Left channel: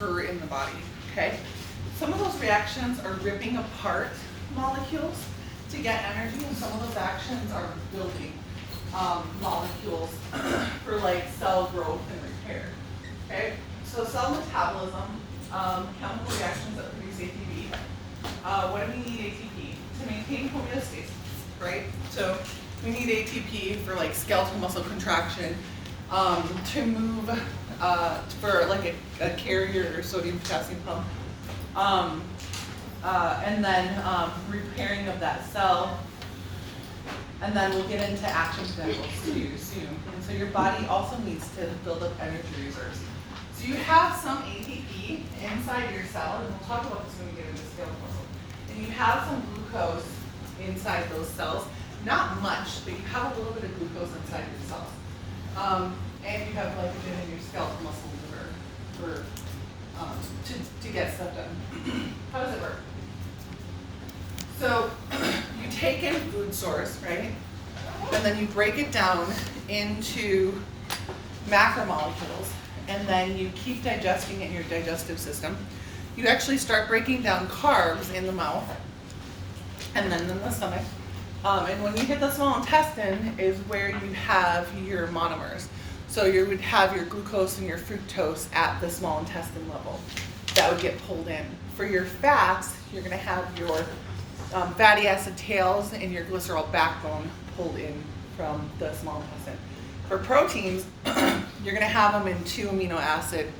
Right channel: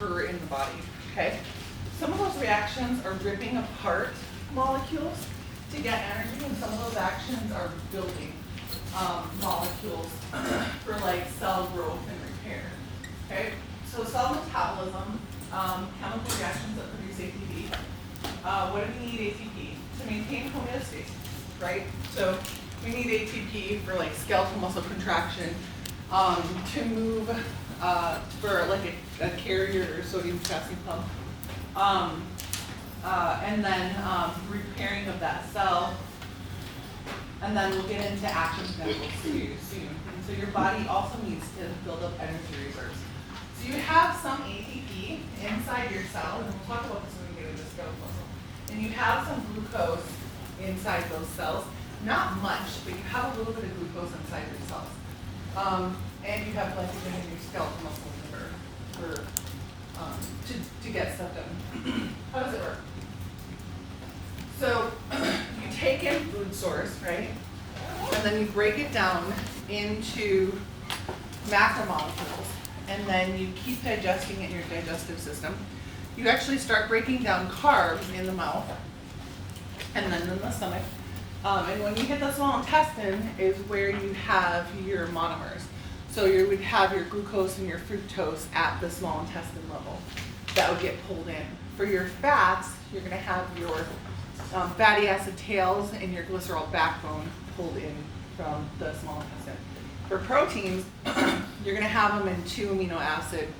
in the body, okay? Some of those reactions are ripping apart molecules to get energy, and some of those actions are building molecules for like cell growth and repair, okay? So cell metabolism, chemical reactions that produce ATP. What do we need ATP? To maintain homeostasis, right? So we need ATP for like skeletal muscle contraction, to move for like a carrier or sodium potassium pump, and then repairing of that cell, and then we'll get into action potentials too soon. And so your body also needs to build up energy reserves. So you have some ATP inside your cell, and we'll talk about this when we get into skeletal muscle. And you have some glucose inside those cells. Not much, but you have a little bit of glucose inside your cells. And you have glycogen in your skeletal muscle liver for, to get stuff done. How does it work? So you take in food source, right? And then you break it down into macromolecules, and then you keep digesting it in your digestive system. You actually start breaking down carbs in the mouth, and then in the stomach. And when you hit the small intestine is where you have your monomers. So you would have your glucose and your fructose at the small intestine level. That would get pulled in. For your fats, you're going to have your fatty acid tails and your glycerol backbone pulled in from the small intestine. For proteins, you're going to have them in 2 amino acid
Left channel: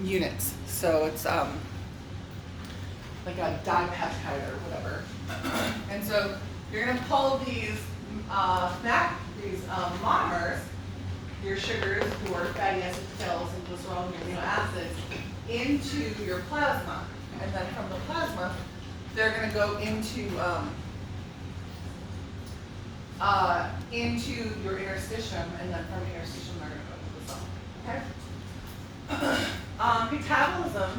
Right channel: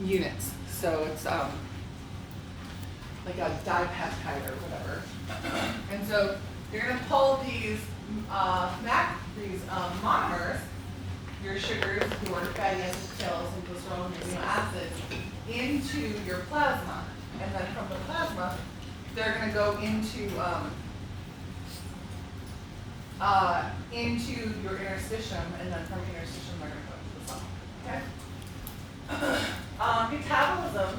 units. So it's like a dipeptide or whatever. And so you're going to pull these monomers, your sugars, your fatty acid tails, and glycerol and amino acids, into your plasma. And then from the plasma, they're going to go into your interstitium, and then from interstitium, they're going to go into the cell. Okay? Metabolism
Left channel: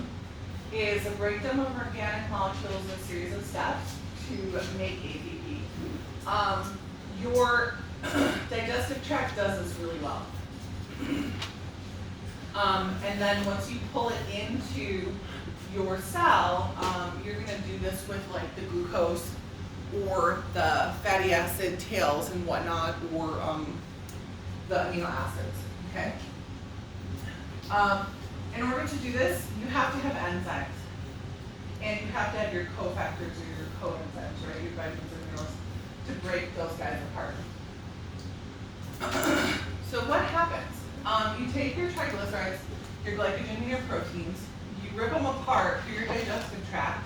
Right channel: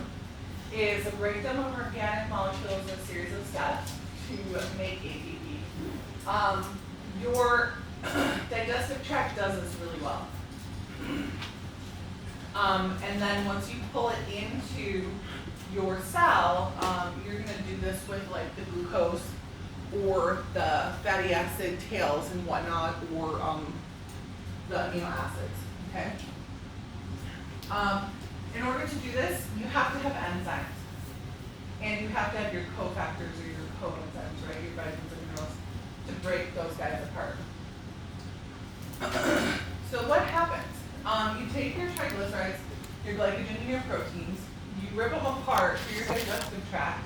is a breakdown of organic molecules in a series of steps to make ATP. Your digestive tract does this really well. And then once you pull it into your cell, you're going to do this with like the glucose or the fatty acid tails and whatnot, or the amino acids, okay? In order to do this, you have to have enzymes. And you have to have your cofactors or your coenzymes, right? Your vitamins and minerals to break those guys apart. So what happens? You take your triglycerides, your glycogen, and your proteins, you rip them apart through your digestive tract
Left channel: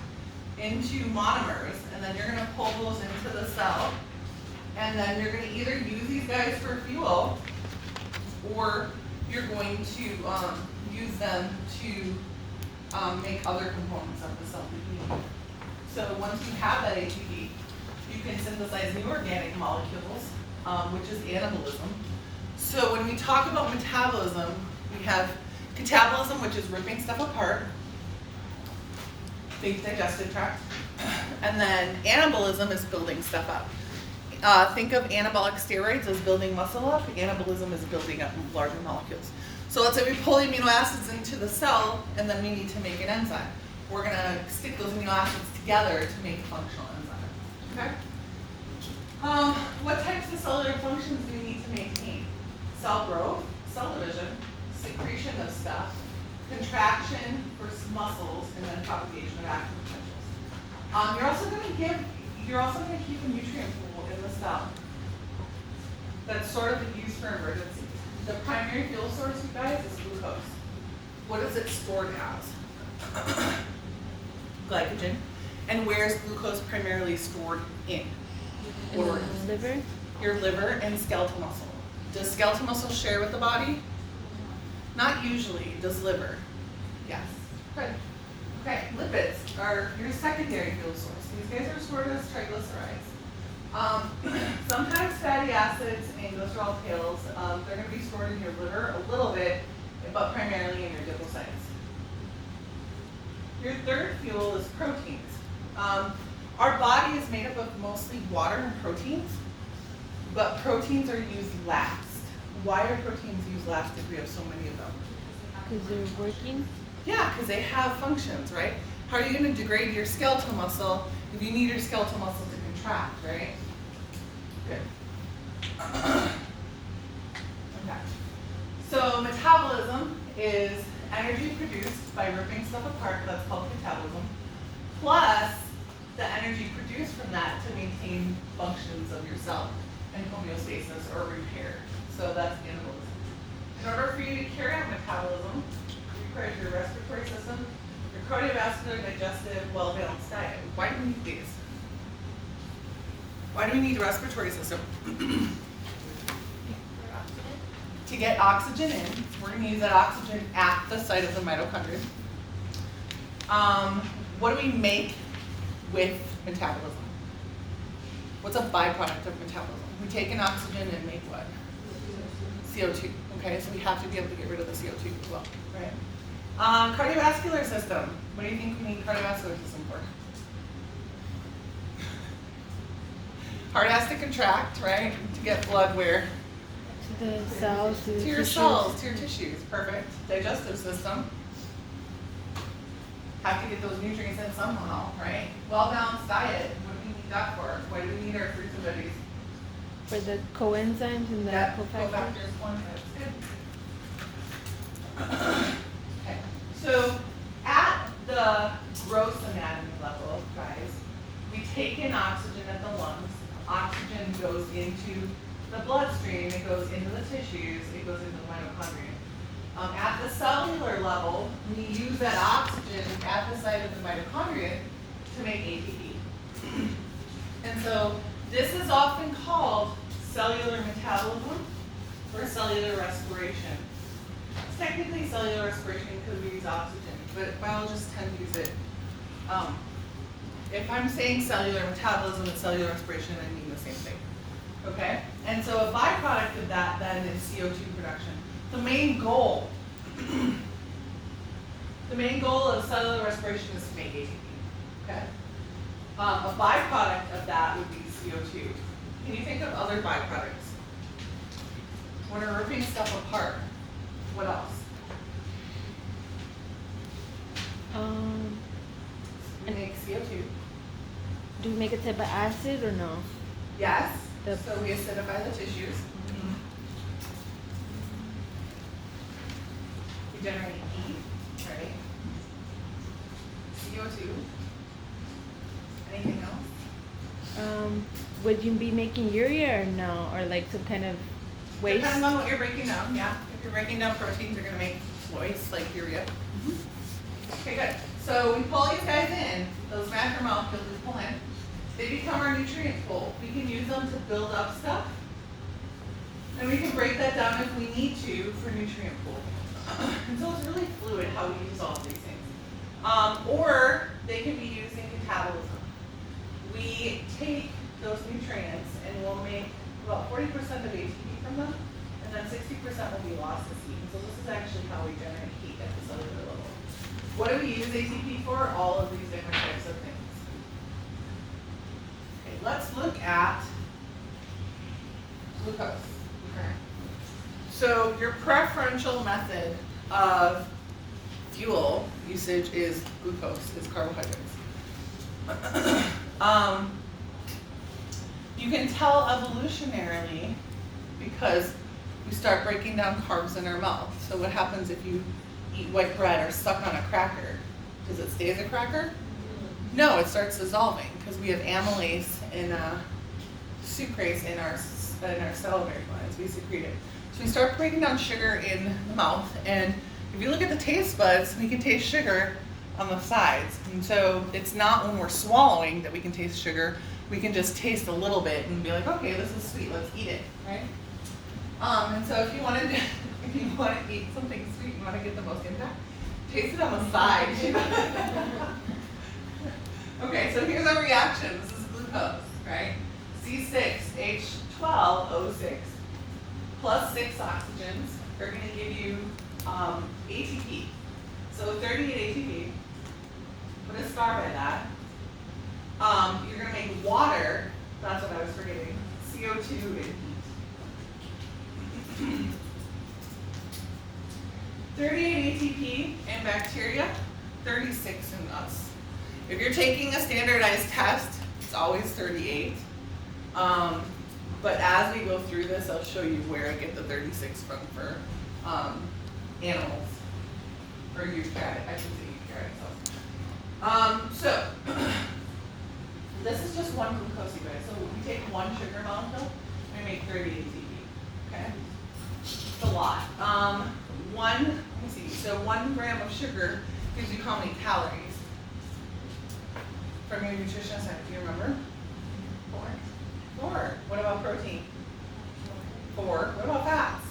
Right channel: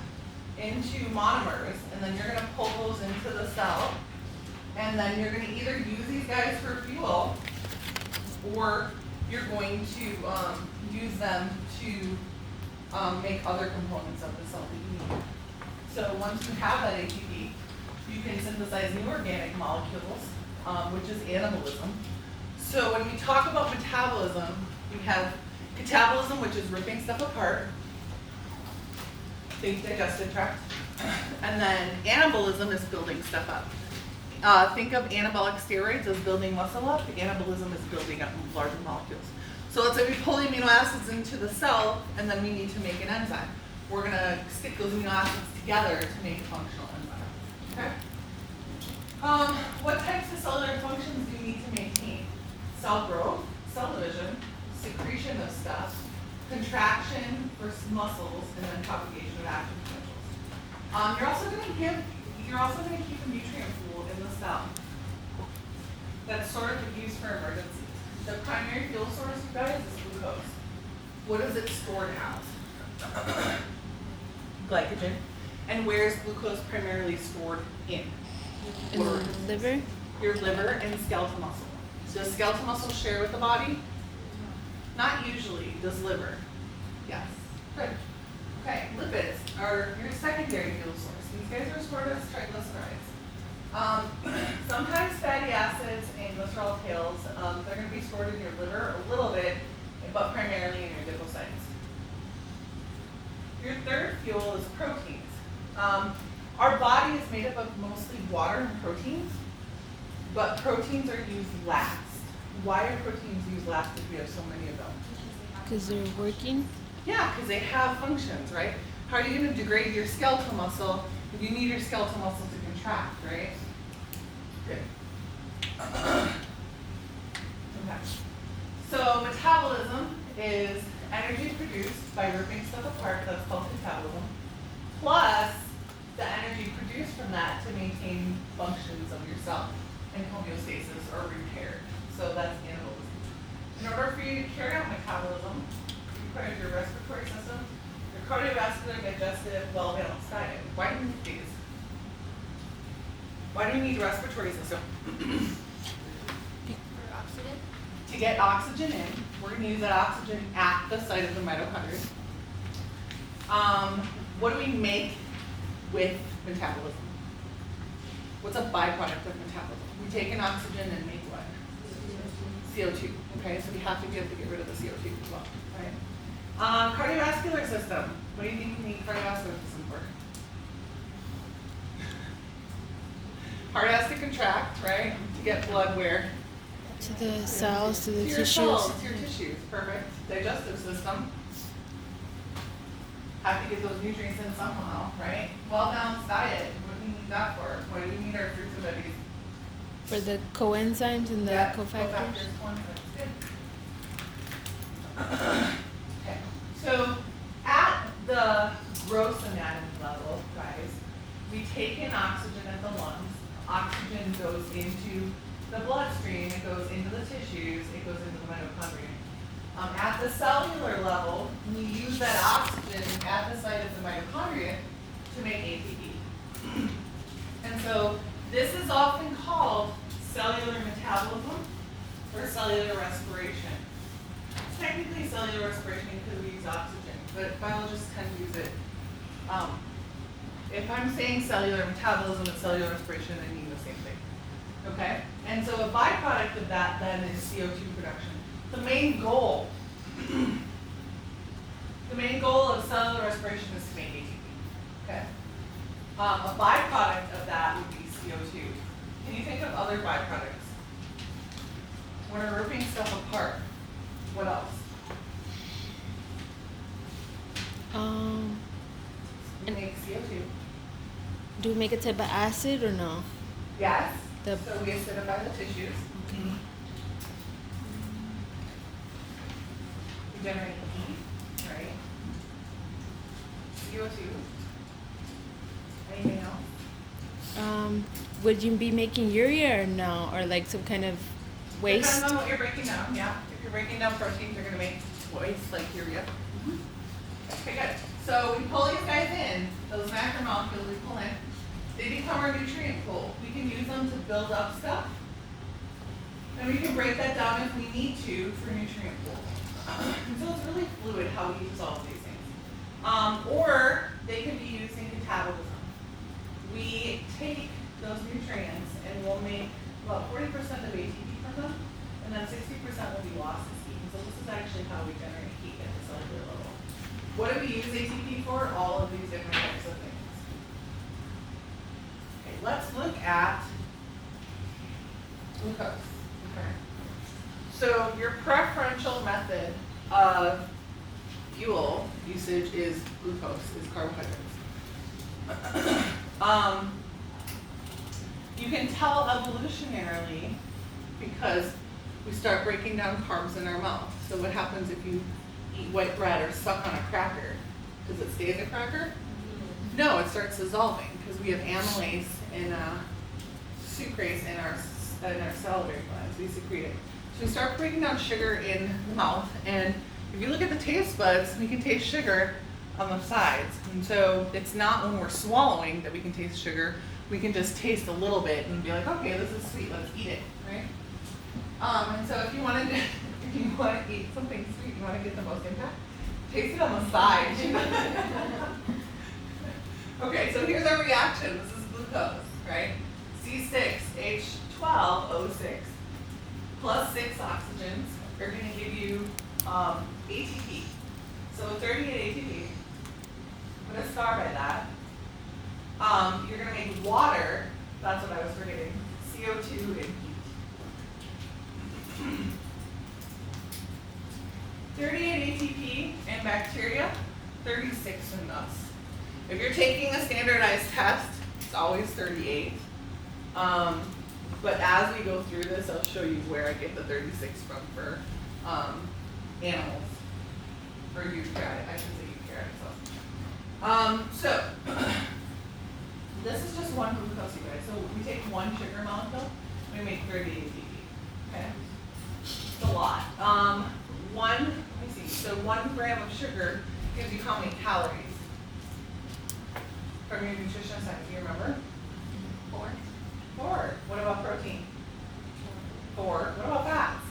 into monomers, and then you're going to pull those into the cell, and then you're going to either use these guys for fuel, or you're going to use them to make other components of the cell that you need. So once you have that ATP, you can synthesize new organic molecules, which is anabolism. So when we talk about metabolism, we have catabolism, which is ripping stuff apart, think digestive tract, and then anabolism is building stuff up. Think of anabolic steroids as building muscle up. Anabolism is building up larger molecules. So let's say we pull the amino acids into the cell, and then we need to make an enzyme. We're going to stick those amino acids together to make a functional enzyme. Okay? What types of cellular functions do we need to maintain? Cell growth, cell division, secretion of stuff, contraction for muscles, and then propagation of action potentials. You're also going to keep a nutrient pool in the cell that's sort of used for emergencies. The primary fuel source, you guys, is glucose. What is it stored as? Glycogen. And where is glucose primarily stored in? Liver? Your liver and skeletal muscle. Does skeletal muscle share with the body? Not usually. Does liver? Yes. Good. Okay, lipids are your secondary fuel source. These guys are stored as triglycerides. Sometimes fatty acids and glycerol tails, they're going to be stored in your liver a little bit, but primarily in your adipocytes. Your third fuel is proteins. Our body is made up of mostly water and proteins, but proteins are used last. Why are proteins used last if we have so many of them? Because they're working. Yeah, because they have functions, right? How are you going to degrade your skeletal muscle if you need your skeletal muscle to contract, right? Good. Okay. So metabolism is energy produced by ripping stuff apart, that's called metabolism, plus the energy produced from that to maintain functions of your cell and homeostasis or repair. So that's anabolism. In order for you to carry out metabolism, you require your respiratory system, your cardiovascular, digestive, well-balanced diet. Why do we need these? Why do we need a respiratory system? To get oxygen in, we're going to use that oxygen at the site of the mitochondria. What do we make with metabolism? What's a byproduct of metabolism? We take an oxygen and make what? CO2. Okay, so we have to be able to get rid of the CO2 as well. Right? Cardiovascular system. What do you think we need cardiovascular system for? Heart has to contract, right? To get blood where? To the cells, to the To your tissues. cells, to your tissues. Perfect. Digestive system. Have to get those nutrients in somehow, right? Well-balanced diet. What do we need that for? Why do we need our fruits and veggies? For the coenzymes and the Yeah, cofactors. coenzymes. Good. Okay. So at the gross anatomy level, guys, we take in oxygen at the lungs. Oxygen goes into the bloodstream, it goes into the tissues, it goes into the mitochondria. At the cellular level, we use that oxygen at the site of the mitochondria to make ATP. And so this is often called cellular metabolism or cellular respiration. It's technically cellular respiration because we use oxygen, but biologists tend to use it. If I'm saying cellular metabolism and cellular respiration, I mean the same thing. Okay? And so a byproduct of that then is CO2 production. The main goal of cellular respiration is to make ATP. Okay? A byproduct of that would be CO2. Can you think of other byproducts? When we're ripping stuff apart, what else? We make CO2. Do we make a type of acid or no? Yes. The- So we acidify the tissues. We generate heat, right? CO2. Anything else? Would you be making urea or no? Or like some kind of waste? Depends on what you're breaking down, yeah. If you're breaking down proteins, you're gonna make waste like urea. Okay, good. So we pull these guys in, those macromolecules we pull in, they become our nutrient pool. We can use them to build up stuff. And we can break that down if we need to for nutrient pool. And so it's really fluid how we use all of these things. Or they can be used in metabolism. We take those nutrients and we'll make about 40% of ATP from them, and then 60% will be lost as heat. And so this is actually how we generate heat at the cellular level. What do we use ATP for? All of these different types of things. Okay, let's look at glucose. Okay. So your preferential method of fuel usage is glucose, is carbohydrates. You can tell evolutionarily because we start breaking down carbs in our mouth. So what happens if you eat white bread or suck on a cracker? Does it stay as a cracker? No, it starts dissolving because we have amylase and sucrase in our salivary glands. We secrete it. So we start breaking down sugar in the mouth, and if you look at the taste buds, we can taste sugar on the sides. And so it's not when we're swallowing that we can taste sugar. We can just taste a little bit and be like, okay, this is sweet, let's eat it, right? And so if you want to eat something sweet, you want to get the most impact, taste it on the side. Okay, so here's our reaction. This is glucose, right? C6H12O6 plus 6 oxygens are going to give you ATP. So 38 ATP. Put a star by that. You're going to make water. That's what I was forgetting. CO2 and heat. 38 ATP, and back bacteria, 36 in us. If you're taking a standardized test, it's always 38. But as we go through this, I'll show you where I get the 36 from for animals, or eukaryotic, I should say eukaryotic cells. So, this is just one glucose, you guys. So we take one sugar molecule, we make 30 ATP, okay? It's a lot. Let me see, so 1 gram of sugar gives you how many calories? From your nutrition science, do you remember? 4. What about protein? 4. What about fats?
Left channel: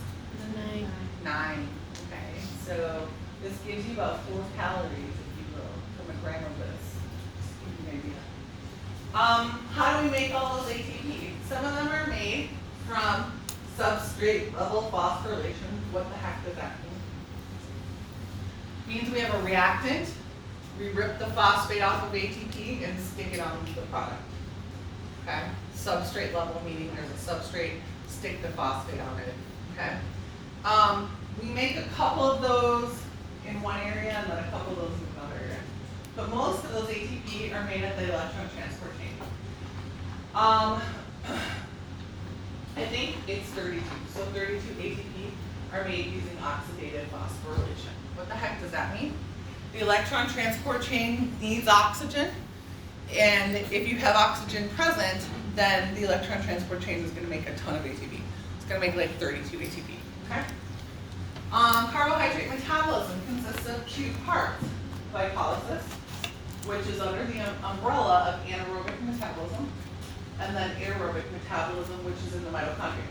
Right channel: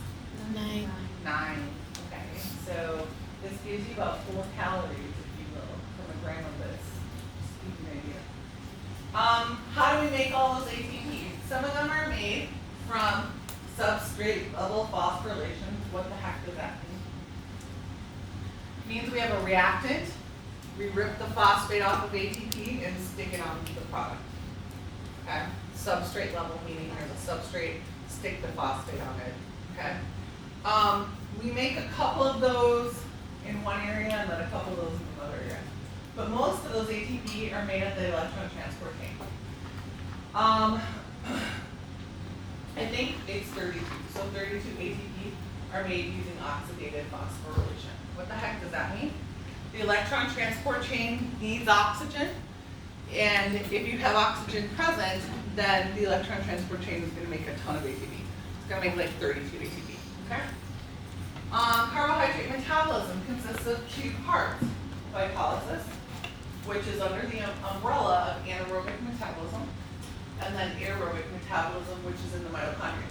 9. 9. Okay, so this gives you about 4 calories, if you will, from a gram of this. Just to give you an idea. How do we make all those ATP? Some of them are made from substrate level phosphorylation. What the heck does that mean? It means we have a reactant. We rip the phosphate off of ATP and stick it on the product. Okay? Substrate level meaning there's a substrate, stick the phosphate on it. Okay? We make a couple of those in one area and then a couple of those in another area. But most of those ATP are made at the electron transport chain. I think it's 32. So 32 ATP are made using oxidative phosphorylation. What the heck does that mean? The electron transport chain needs oxygen, and if you have oxygen present, then the electron transport chain is going to make a ton of ATP. It's going to make like 32 ATP. Okay? Carbohydrate metabolism consists of 2 parts: glycolysis, which is under the umbrella of anaerobic metabolism, and then aerobic metabolism, which is in the mitochondria.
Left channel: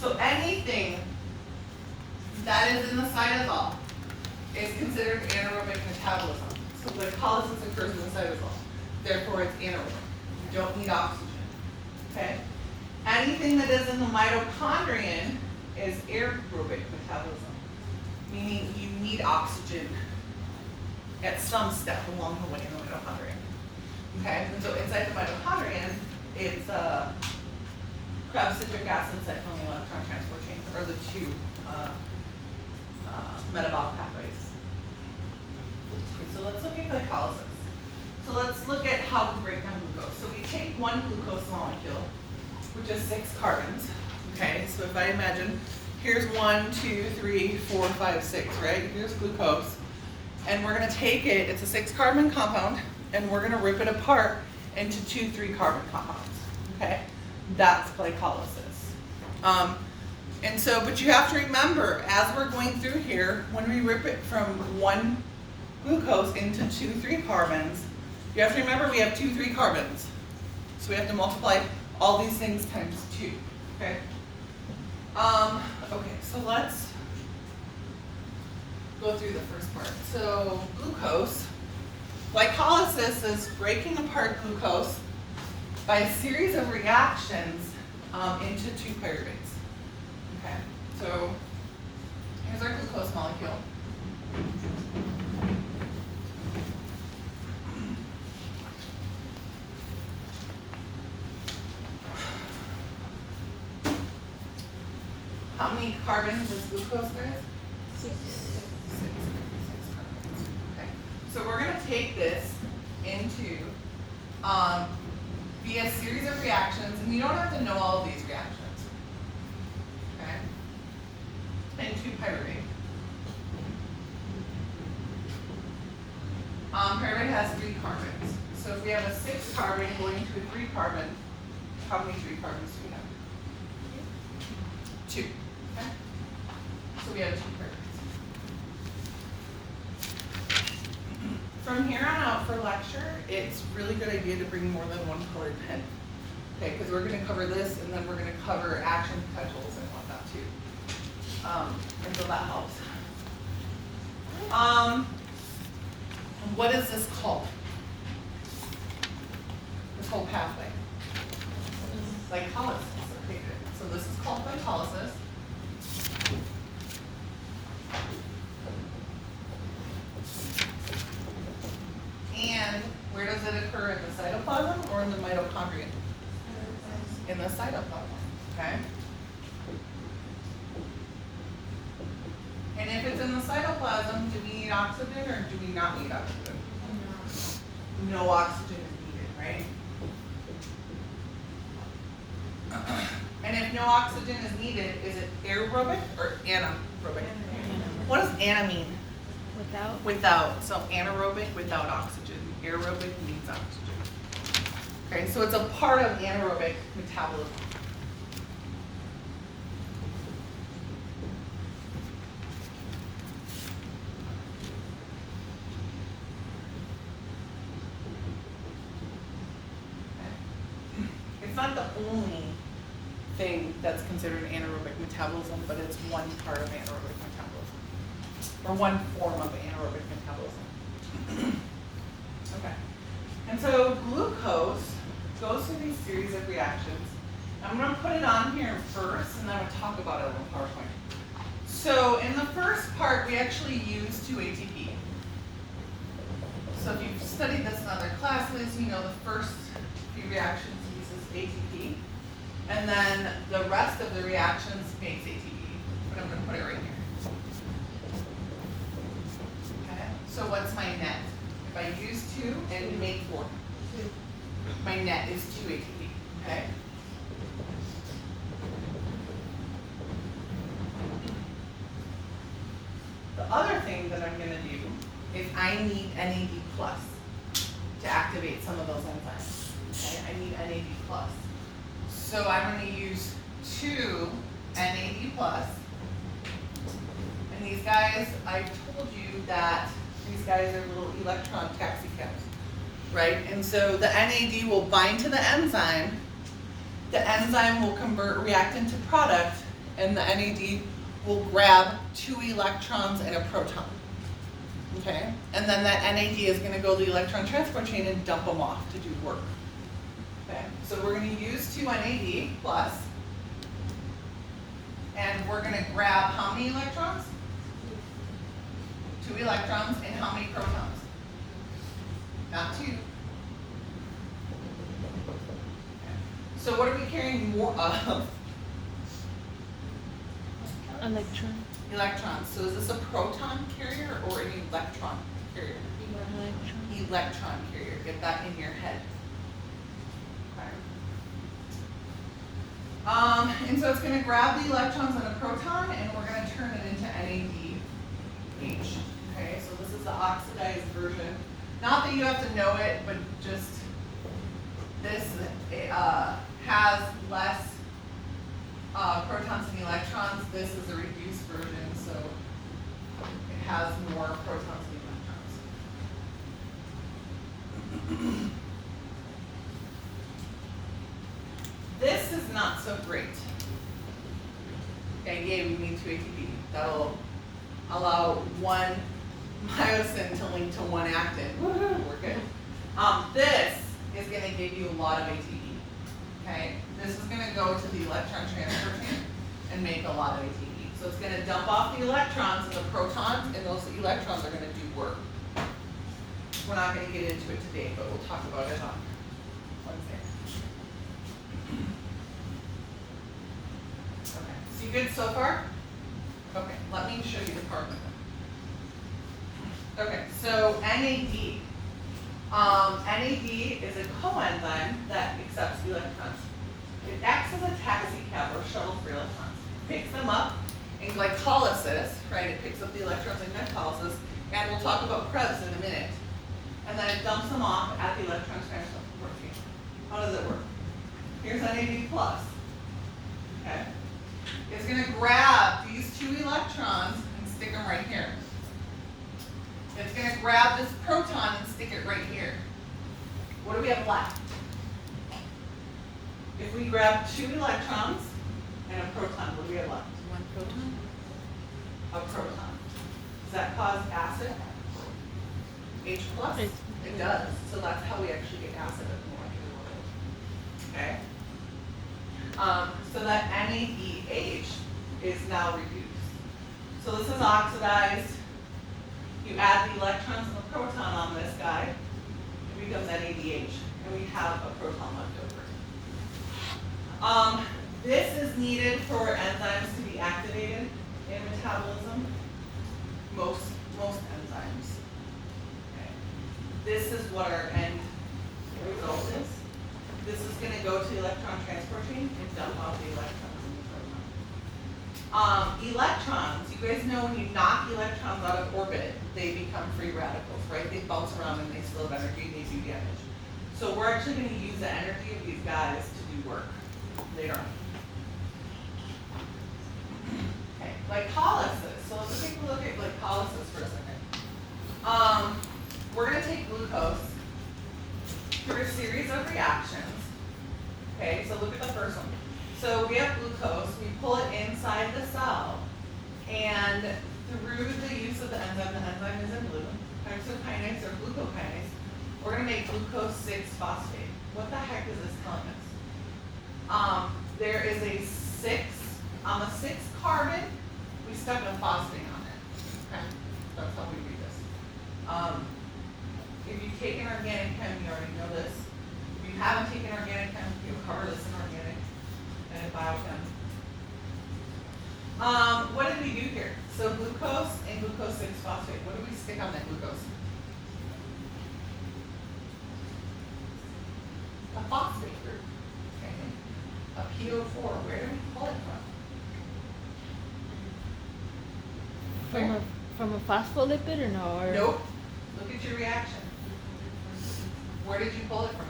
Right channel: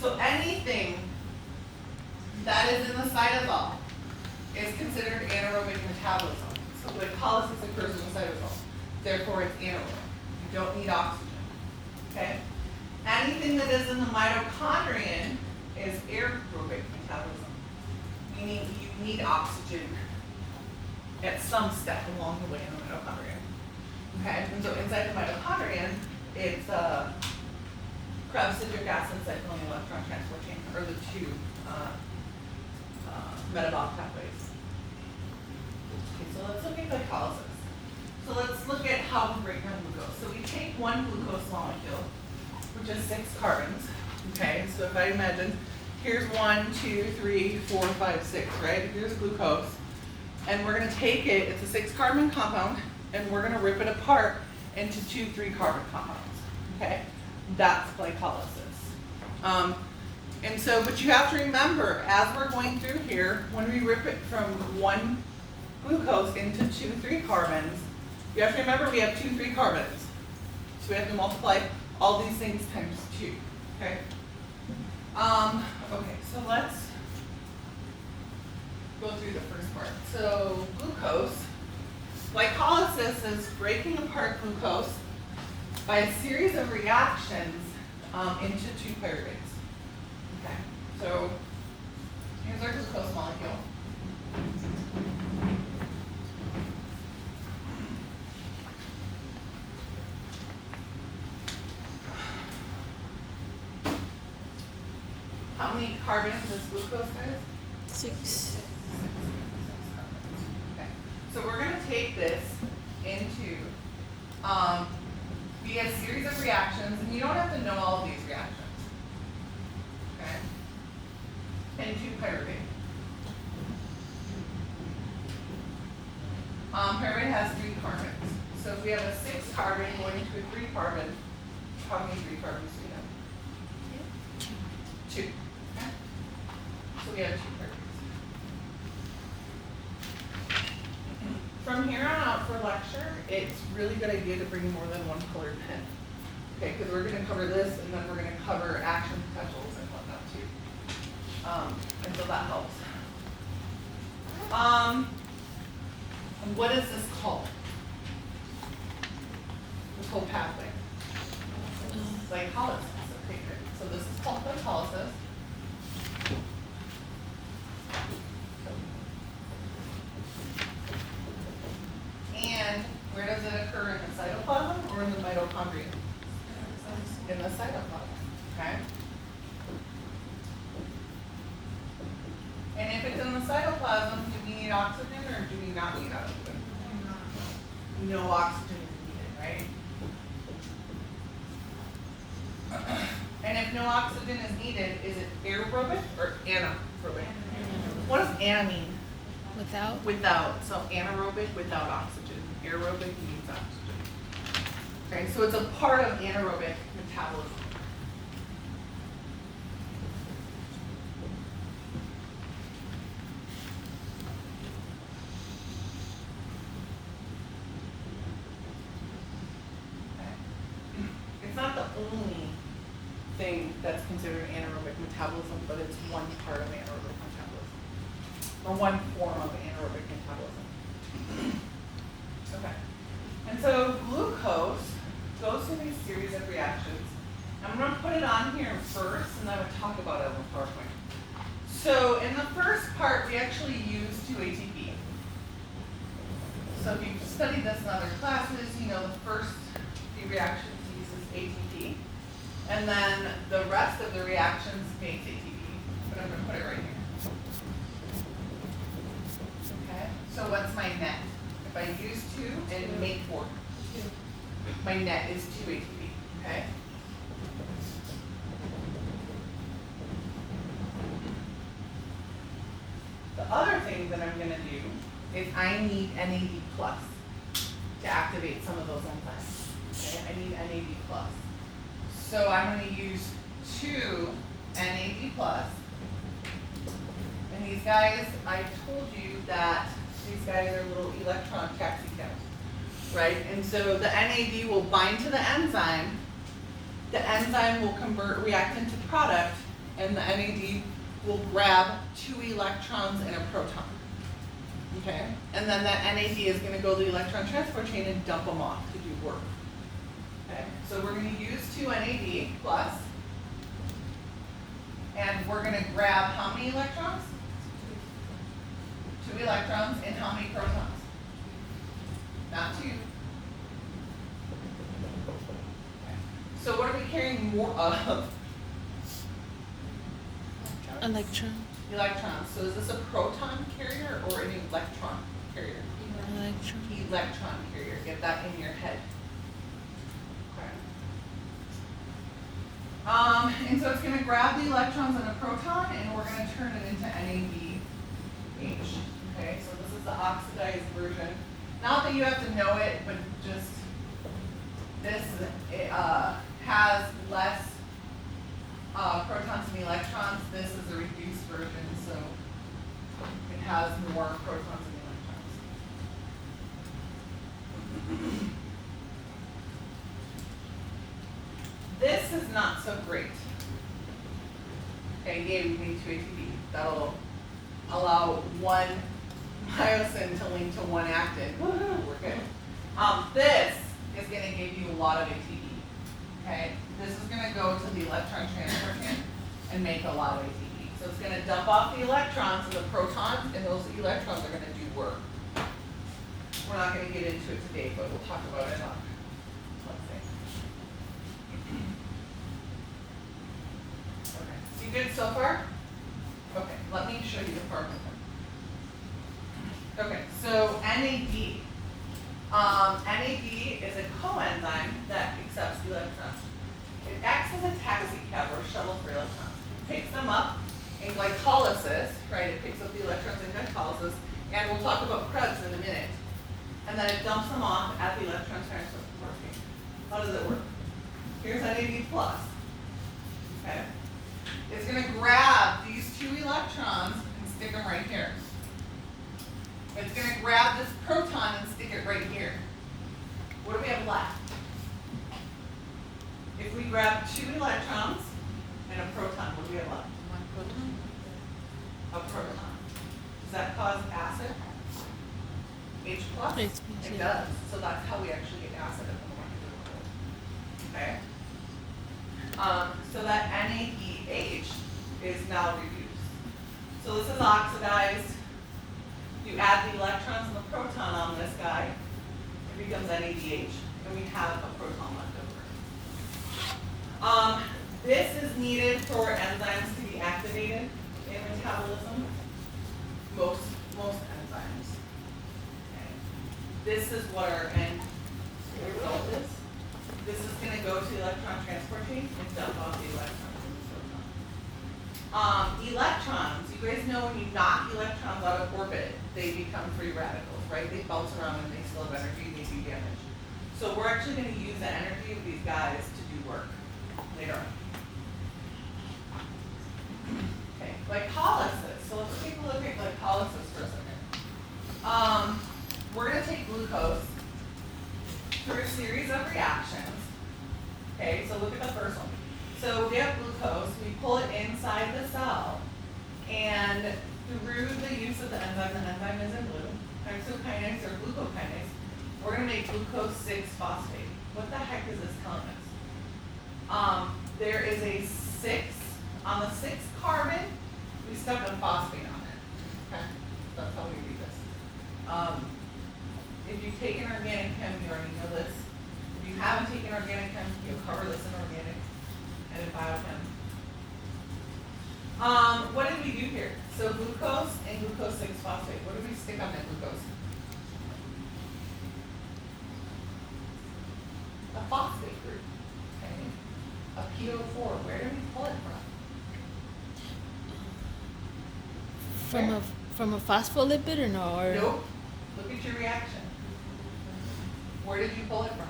So anything that is in the cytosol is considered anaerobic metabolism. So glycolysis occurs in the cytosol. Therefore, it's anaerobic. You don't need oxygen. Okay? Anything that is in the mitochondrion is aerobic metabolism, meaning you need oxygen at some step along the way in the mitochondrion. Okay? And so inside the mitochondrion, it's Krebs citric acid cycling electron transport chain, or the 2 metabolic pathways. Okay, so let's look at glycolysis. So let's look at how we break down glucose. So we take one glucose molecule, which has 6 carbons. Okay, so if I imagine, here's 1, 2, 3, 4, 5, 6, right? Here's glucose. And we're going to take it, it's a 6 carbon compound, and we're going to rip it apart into 2 3 carbon compounds. Okay, that's glycolysis. And so, but you have to remember, as we're going through here, when we rip it from 1 glucose into 2 3 carbons, you have to remember we have 2 3 carbons. So we have to multiply all these things times 2. Okay? Okay, so let's go through the first part. So glucose, glycolysis is breaking apart glucose by a series of reactions into 2 pyruvates. Okay, so here's our glucose molecule. How many carbons does glucose have? 6. Okay, so we're going to take this into via a series of reactions, and you don't have to know all of these reactions. Okay, into pyruvate. Pyruvate has 3 carbons. So if we have a 6 carbon going into a 3 carbon, how many 3 carbons do we have? 2. Okay, so we have 2 pyruvates. From here on out for lecture, it's really good idea to bring more than 1 colored pen. Okay, because we're going to cover this, and then we're going to cover action potentials and all that too. And so that helps. What is this called? This whole pathway. Glycolysis. Okay, good. So this is called glycolysis. And where does it occur, in the cytoplasm or in the mitochondria? In the cytoplasm, okay? And if it's in the cytoplasm, do we need oxygen or do do not need oxygen? No oxygen is needed, right? And if no oxygen is needed, is it aerobic or anaerobic? What does ana mean? Without? Without. So anaerobic without oxygen. Aerobic needs oxygen. Okay, so it's a part of anaerobic metabolism. Okay. It's not the only thing that's considered anaerobic metabolism, but it's one part of anaerobic metabolism, or one form of anaerobic metabolism. Okay, and so glucose goes through these series of reactions. I'm going to put it on here first, and then we'll talk about it on the PowerPoint. So in the first part, we actually use 2-ATP. So if you've studied this in other classes, you know the first few reactions uses ATP. And then the rest of the reactions makes ATP, but I'm going to put it right here. Okay, so what's my net? If I use 2 and make 4, my net is 2 ATP, okay? The other thing that I'm going to do is I need NAD plus to activate some of those enzymes, okay? I need NAD plus. So I'm going to use 2 NAD plus, and these guys, I told you that these guys are little electron taxi cabs, right? And so the NAD will bind to the enzyme will react into product, and the NAD will grab 2 electrons and a proton, okay? And then that NAD is going to go to the electron transport chain and dump them off to do work. Okay, so we're going to use 2 NAD plus, and we're going to grab how many electrons? 2 electrons, and how many protons? Not 2. Okay. So what are we carrying more of? Electron. Electrons. So is this a proton carrier or an electron carrier? Electron. Electron carrier. Get that in your head. And so it's going to grab the electrons and a proton, and we're going to turn it into NADH. Okay, so this is the oxidized version. Not that you have to know it, but just this has less protons and electrons. This is a reduced version, so it has more protons and electrons. This is not so great. Okay, yay, we need 2 ATP. That'll allow one myosin to link to one actin. Woohoo, we're good. This is going to give you a lot of ATP. Okay, this is going to go to the electron transport chain and make a lot of ATP. So it's going to dump off the electrons and the protons, and those electrons are going to do work. We're not going to get into it today, but we'll talk about it on Wednesday. Okay, so you good so far? Okay, let me show you the part with them. Okay, so NAD. NAD is a coenzyme that accepts electrons. It acts as a taxi cab or shuttle for electrons. It picks them up in glycolysis, right? It picks up the electrons in glycolysis, and we'll talk about Krebs in a minute. And then it dumps them off at the electron transport chain. How does it work? Here's NAD plus. Okay. It's going to grab these 2 electrons and stick them right here. It's going to grab this proton and stick it right here. What do we have left? If we grab 2 electrons and a proton, what do we have left? 1 proton. A proton. Does that cause acid? H plus? H+, It yeah. does. So that's how we actually get acid at the molecular level. Okay? So that NADH is now reduced. So this is oxidized. You add the electrons and the proton on this guy, it becomes NADH, and we have a proton left over. This is needed for enzymes to be activated in metabolism. Most enzymes. this is what our end result is. This is gonna go to the electron transport chain and dump off the electrons in the proton. Electrons, you guys know when you knock electrons out of orbit, they become free radicals, right? They bounce around and they still have energy, they do damage. So we're actually gonna use the energy of these guys to do work later on. Okay, glycolysis. So let's take a look at glycolysis for a second. We're gonna take glucose through a series of reactions. Okay, so look at the first one. So we have glucose, we pull it inside the cell, and through the use of the enzyme is in blue, hexokinase or glucokinase, we're gonna make glucose 6-phosphate. What the heck is this telling us? There is a 6, on the 6th carbon, we stuck a phosphate on it. Okay, that's how we read this. If you take an organic chem, you already know this. If you haven't taken organic chem, you'll cover this in organic and in biochem. What did we do here? So glucose and glucose 6-phosphate. What did we stick on that glucose? A phosphate group. Okay. A PO4. Where did we pull it from? From a phospholipid or no? Or Nope. Look at your reaction. Where did you pull it from?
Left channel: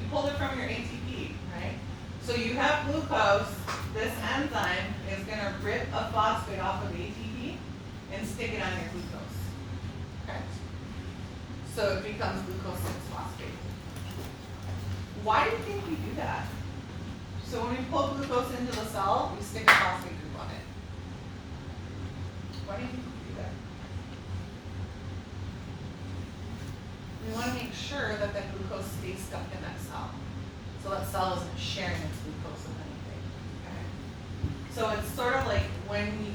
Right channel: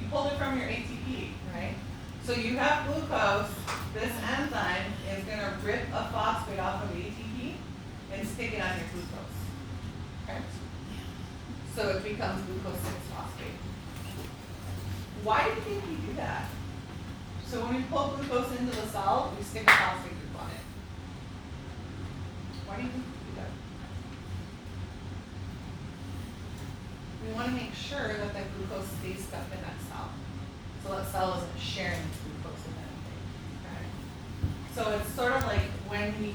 You pulled it from your ATP, right? So you have glucose. This enzyme is going to rip a phosphate off of ATP and stick it on your glucose. Okay? So it becomes glucose 6-phosphate. Why do you think we do that? So when we pull glucose into the cell, we stick a phosphate group on it. Why do you think we do that? We want to make sure that that glucose stays stuck in that cell. So that cell isn't sharing its glucose with anything. Okay? So it's sort of like when we,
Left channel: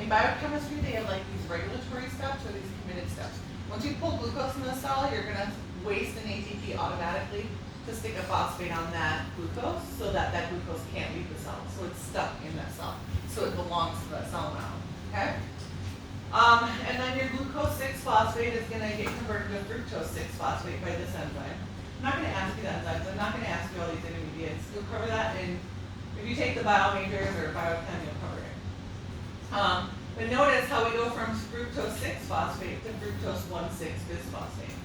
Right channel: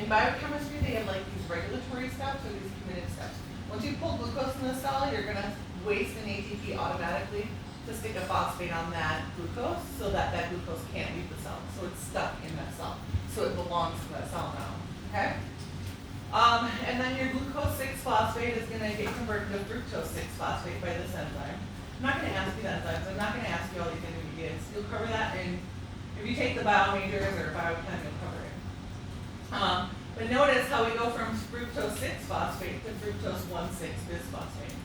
in biochemistry, they have like these regulatory steps or these committed steps. Once you pull glucose in the cell, you're going to waste an ATP automatically to stick a phosphate on that glucose so that that glucose can't leave the cell. So it's stuck in that cell. So it belongs to that cell now. Okay? And then your glucose 6-phosphate is going to get converted to fructose 6-phosphate by this enzyme. I'm not going to ask you the enzymes. I'm not going to ask you all these intermediates. You'll cover that in, if you take the bio majors or biochem, you'll cover it. But notice how we go from fructose 6-phosphate to fructose 1,6-bisphosphate.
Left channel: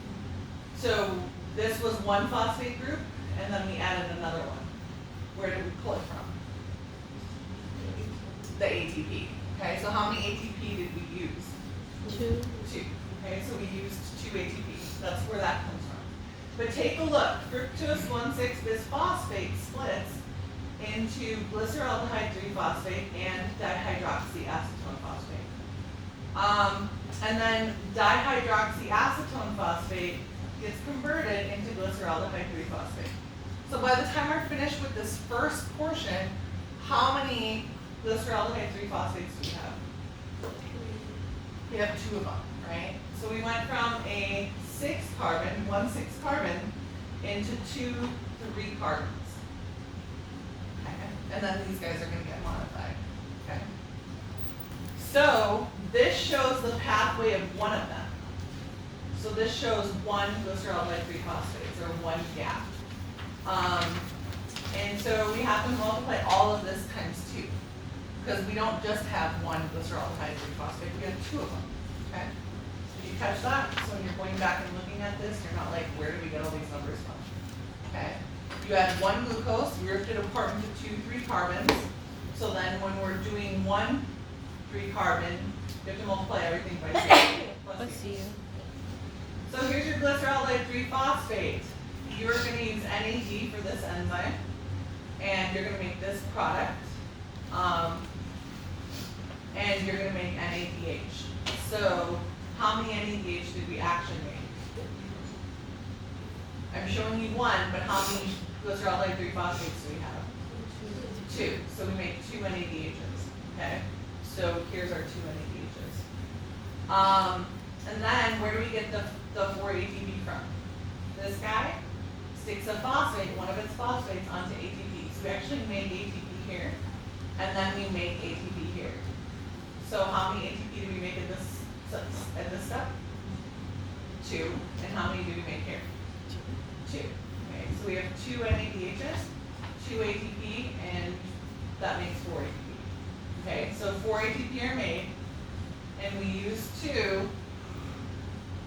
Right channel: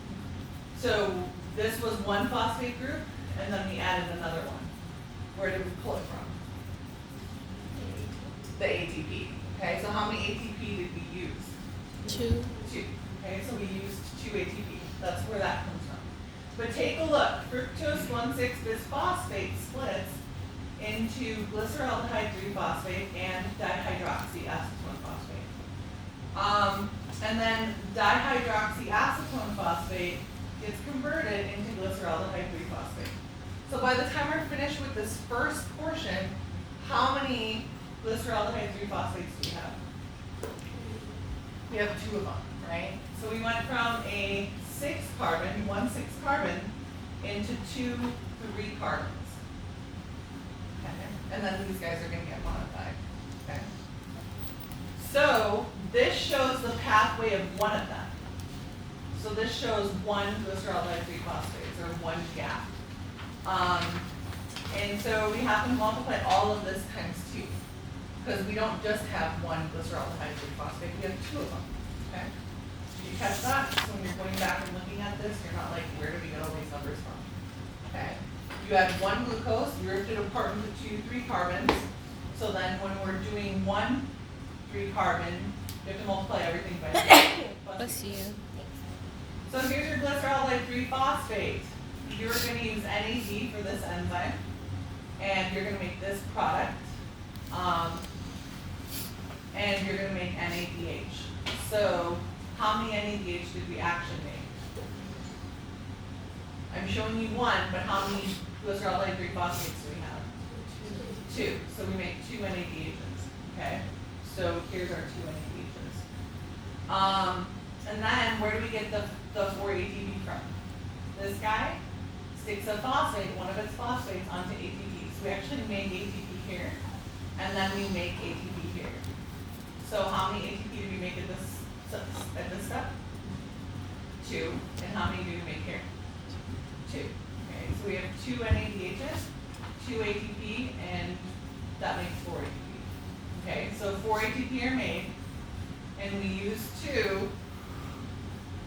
So this was one phosphate group, and then we added another one. Where did we pull it from? The ATP. Okay, so how many ATP did we use? 2. 2. Okay, so we used 2 ATP. That's where that comes from. But take a look. Fructose 1,6-bisphosphate splits into glyceraldehyde 3-phosphate and dihydroxyacetone phosphate. And then dihydroxyacetone phosphate gets converted into glyceraldehyde 3-phosphate. So by the time we're finished with this first portion, how many glyceraldehyde 3-phosphates do we have? We have 2 of them, right? So we went from a 6-carbon, 1,6-carbon, into 2 3-carbons. Okay? And then these guys are going to get modified. Okay? So this shows the pathway of one of them. So this shows one glyceraldehyde 3-phosphates, or one gap. And so we have to multiply all of this times 2. Because we don't just have one glyceraldehyde 3-phosphate, we have 2 of them. Okay? Did you catch that? So when you're going back and looking at this, you're not like, where do we get all these numbers from? Okay? You had one glucose, we ripped it apart into 2 3-carbons. So then when we're doing 1 3-carbon, you have to multiply everything by 2. Bless you. So here's your glyceraldehyde 3-phosphate. You're going to use NAD for this enzyme, and you're going to make this product. And you're going to make NADH. So how many NADH did we actually make? I'm showing you 1, but how many glyceraldehyde 3-phosphates do we have? 2. So we make 2 NADHs. Okay? So here's our 2 NADHs. And then where do we get the 4 ATP from? This guy sticks a phosphate, one of its phosphates, onto ATP. So we actually make ATP here, and then we make ATP here. So how many ATP do we make at this step? 2. 2. And how many do we make here? 2. Okay, so we have 2 NADHs, 2 ATP, and that makes 4 ATP. Okay, so 4 ATP are made, and we use 2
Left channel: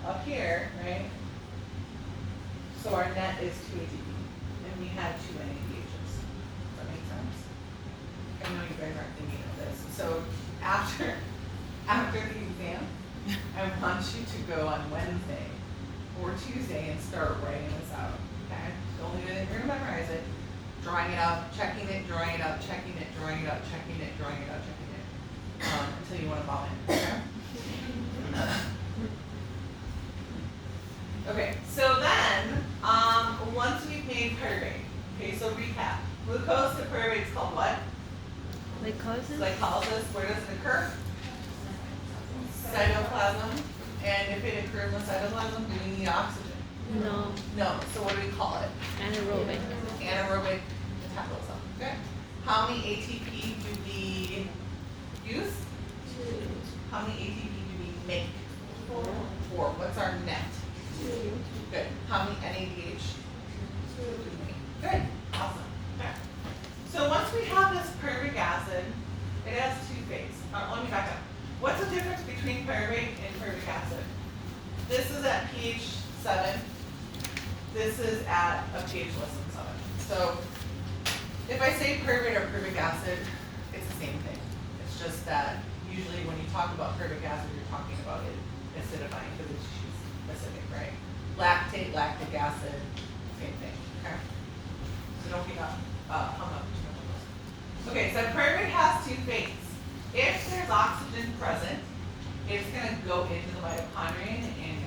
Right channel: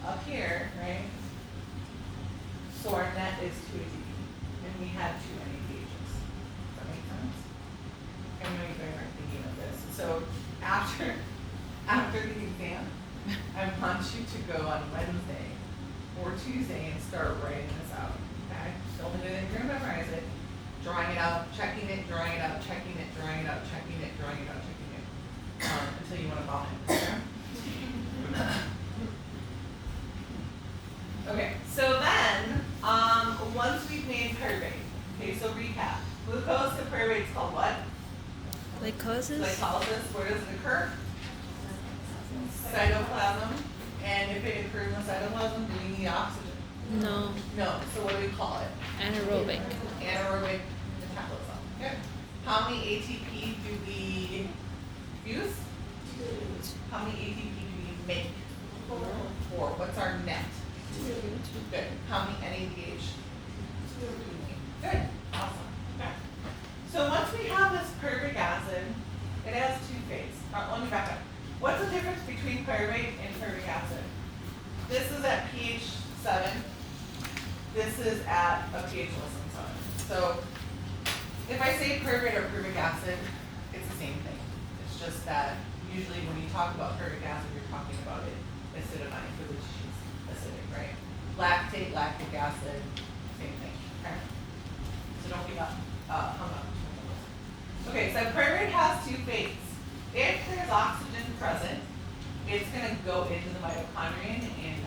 up here, right? So our net is 2 ATP, and we had 2 NADHs. Does that make sense? I know you guys aren't thinking of this. So after the exam, I want you to go on Wednesday or Tuesday and start writing this out, okay? Don't do it, you're gonna memorize it, drawing it out, checking it, drawing it out, checking it, drawing it out, checking it, drawing it out, checking it, until you want to vomit, okay? Okay, so then, once we've made pyruvate, okay, so recap. Glucose to pyruvate is called what? Glycosis? Glycolysis. Where does it occur? Cytoplasm. And if it occurs in the cytoplasm, do we need oxygen? No. No. So what do we call it? Anaerobic. Anaerobic metabolism. Okay. How many ATP do we use? 2. How many ATP do we make? 4. What's our net? 2. Good. How many NADH? 2. Good. Awesome. Okay. So once we have this pyruvic acid, it has 2 phases. Let me back up. What's the difference between pyruvate and pyruvic acid? This is at pH 7. This is at a pH less than 7. So if I say pyruvate or pyruvic acid, it's the same thing. It's just that usually when you talk about pyruvic acid, you're talking about it acidifying because it's acidic, right? Lactate, lactic acid, same thing. Okay. So don't be hung up too much on this. Okay, so pyruvate has 2 phases. If there's oxygen present, it's going to go into the mitochondrion and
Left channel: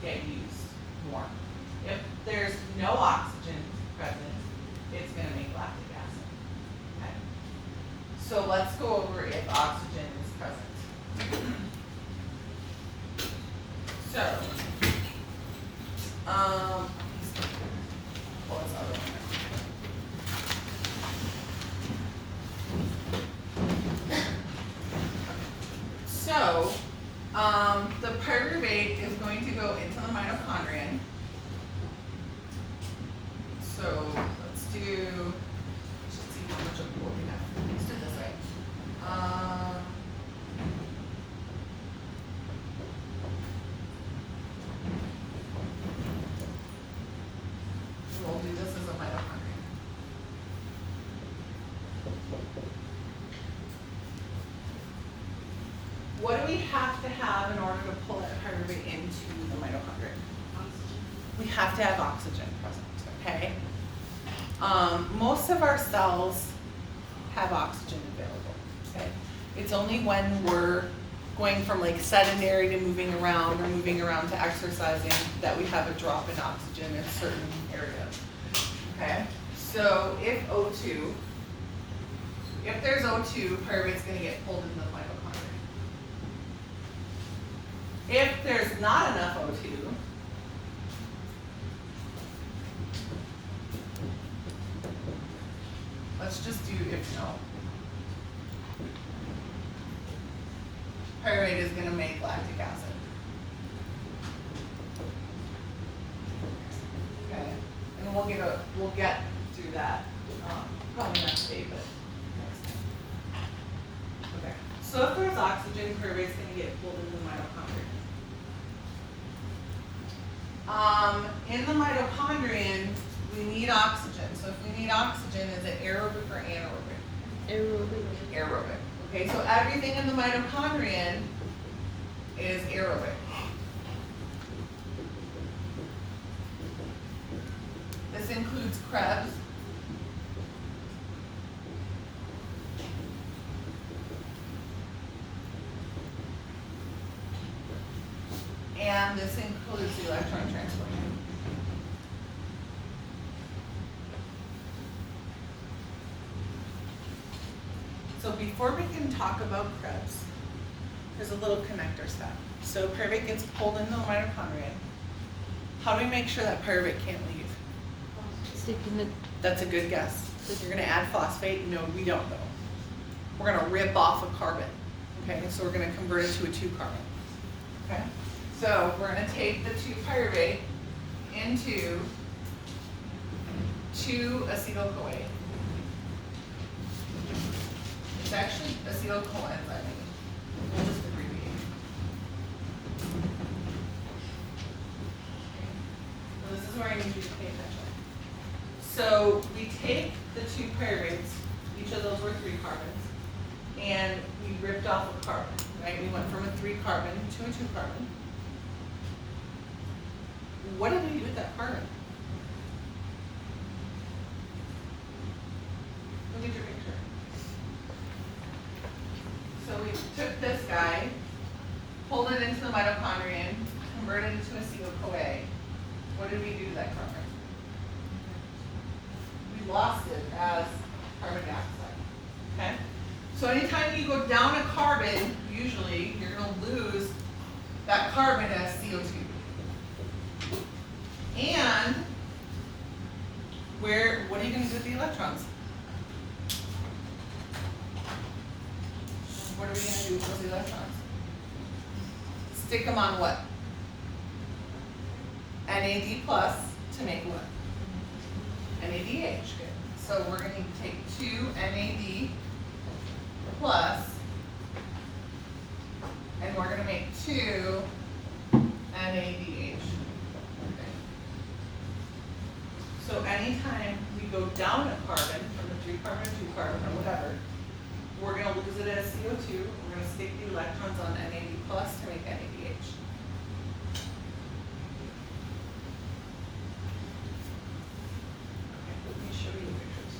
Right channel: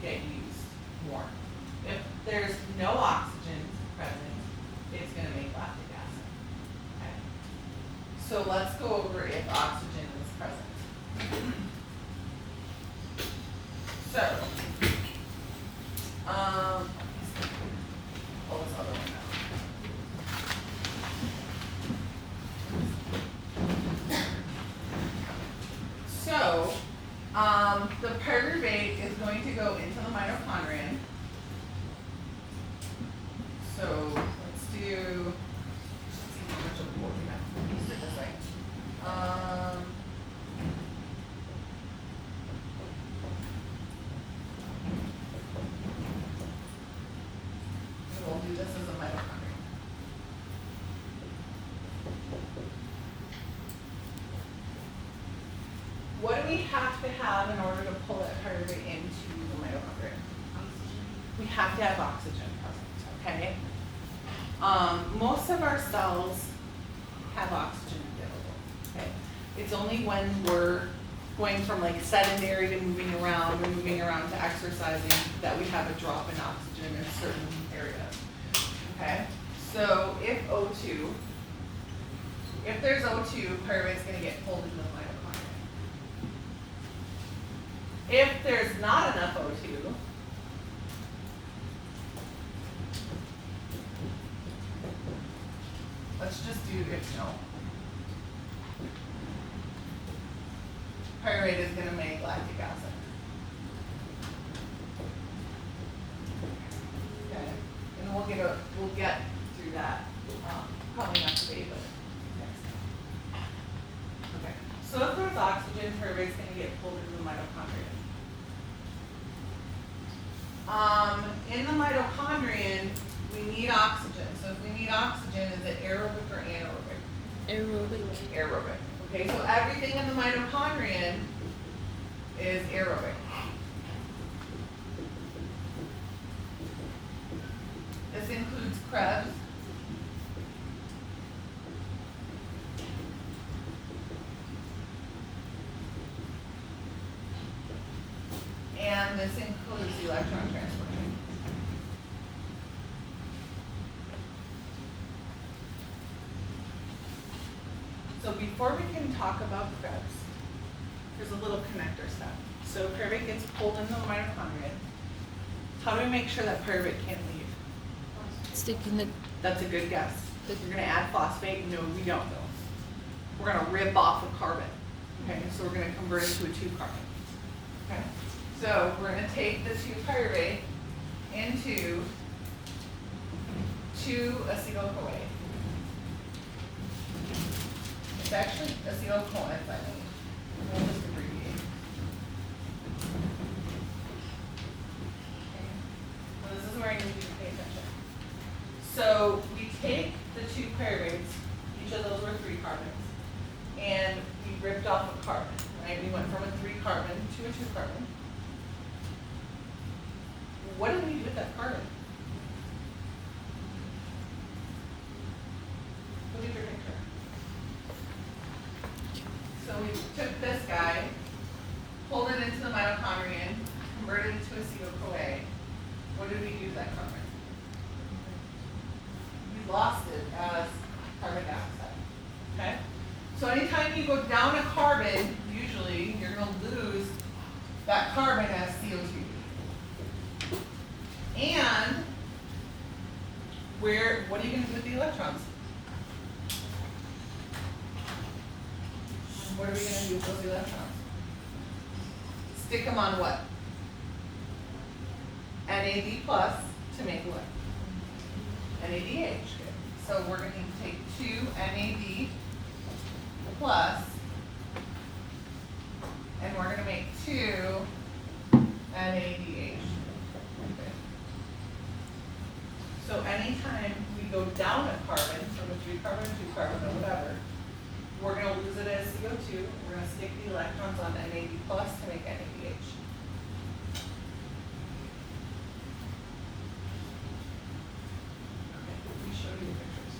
get used more. If there's no oxygen present, it's going to make lactic acid. Okay. So let's go over if oxygen is present. So, pull this other one out. So, the pyruvate is going to go into the mitochondrion. So, let's do, let's see how much of what we have. Let's do it this way. We'll do this as a mitochondrion. What do we have to have in order to pull that pyruvate into the mitochondria? Oxygen. We have to have oxygen present, okay? Most of our cells have oxygen available, okay? It's only when we're going from like sedentary to moving around or moving around to exercising that we have a drop in oxygen in certain areas, okay? So if O2, if there's O2, pyruvate's gonna get pulled into the mitochondria. If there's not enough O2, let's just do if no. Pyruvate is going to make lactic acid. Okay, and we'll get through that. Probably not today, but next time. Okay, so if there's oxygen, pyruvate's going to get pulled into the mitochondria. In the mitochondrion, we need oxygen. So if we need oxygen, is it aerobic or anaerobic? Aerobic. Aerobic. Okay, so everything in the mitochondrion is aerobic. This includes Krebs. And this includes the electron transport. So before we can talk about Krebs, there's a little connector step. So pyruvate gets pulled into the mitochondria. How do we make sure that pyruvate can't leave? Sticking the. That's a good guess. If you're going to add phosphate, no, we don't know. We're going to rip off a carbon. Okay, so we're going to convert it to a 2 carbon. Okay, So we're gonna take the 2-pyruvate into 2-acetyl-CoA. It's actually acetyl-coenzyme. We'll just abbreviate. Okay. Well, this is where I need you to pay attention. So we take the 2 pyruvates, each of those were 3 carbons, and we ripped off a carbon, right? We went from a 3 carbon to a 2 carbon. What did we do with that carbon? Look at your picture. So we took this guy, pulled it into the mitochondrion, converted it to acetyl-CoA. What did we do to that carbon? We lost it as carbon dioxide. Okay? So anytime you go down a carbon, usually you're going to lose that carbon as CO2. And what are you going to do with the electrons? What are we going to do with those electrons? Stick them on what? NAD plus to make what? NADH. So we're going to take 2 NAD plus, and we're going to make 2 NADH. Okay. So anytime we go down a carbon, from a 3 carbon to 2 carbon or whatever, we're going to lose it as CO2. We're going to stick the electrons on NAD plus to make NADH. Okay, let me show you the pictures.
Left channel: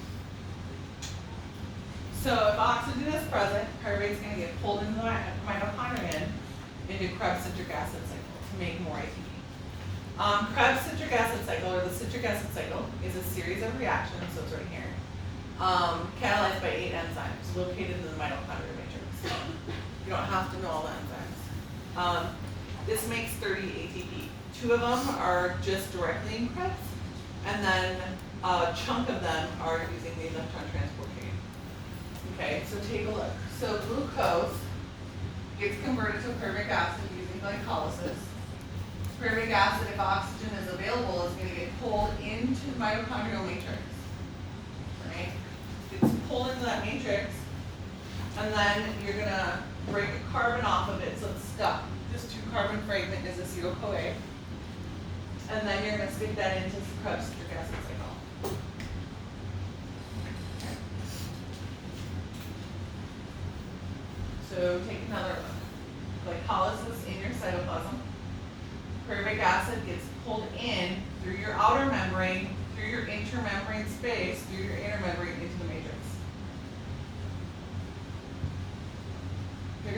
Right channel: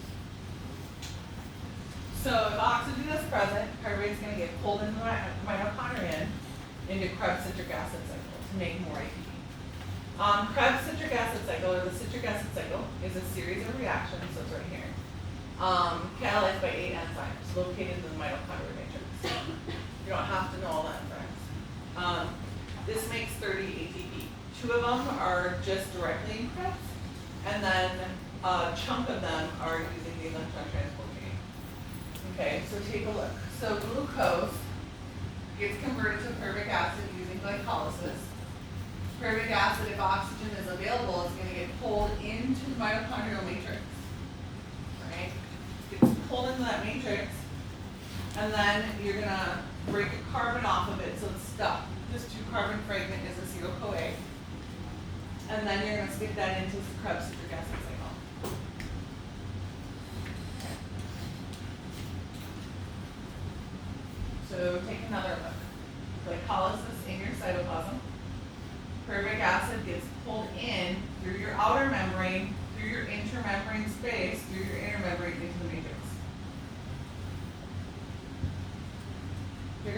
So if oxygen is present, pyruvate is going to get pulled into the mitochondrion into Krebs citric acid cycle to make more ATP. Krebs citric acid cycle, or the citric acid cycle, is a series of reactions, so it's right here, catalyzed by 8 enzymes located in the mitochondrial matrix. You don't have to know all the enzymes. This makes 30 ATP. 2 of them are just directly in Krebs, and then a chunk of them are using the electron transport chain. Okay, so take a look. So glucose gets converted to pyruvic acid using glycolysis. Pyruvic acid, if oxygen is available, is going to get pulled into the mitochondrial matrix. Right? Gets pulled into that matrix, and then you're going to break a carbon off of it so it's stuck. This 2-carbon fragment is acetyl-CoA. And then you're going to stick that into Krebs citric acid cycle. Okay. So take another look. Glycolysis in your cytoplasm. Pyruvic acid gets pulled in through your outer membrane, through your intramembrane space, through your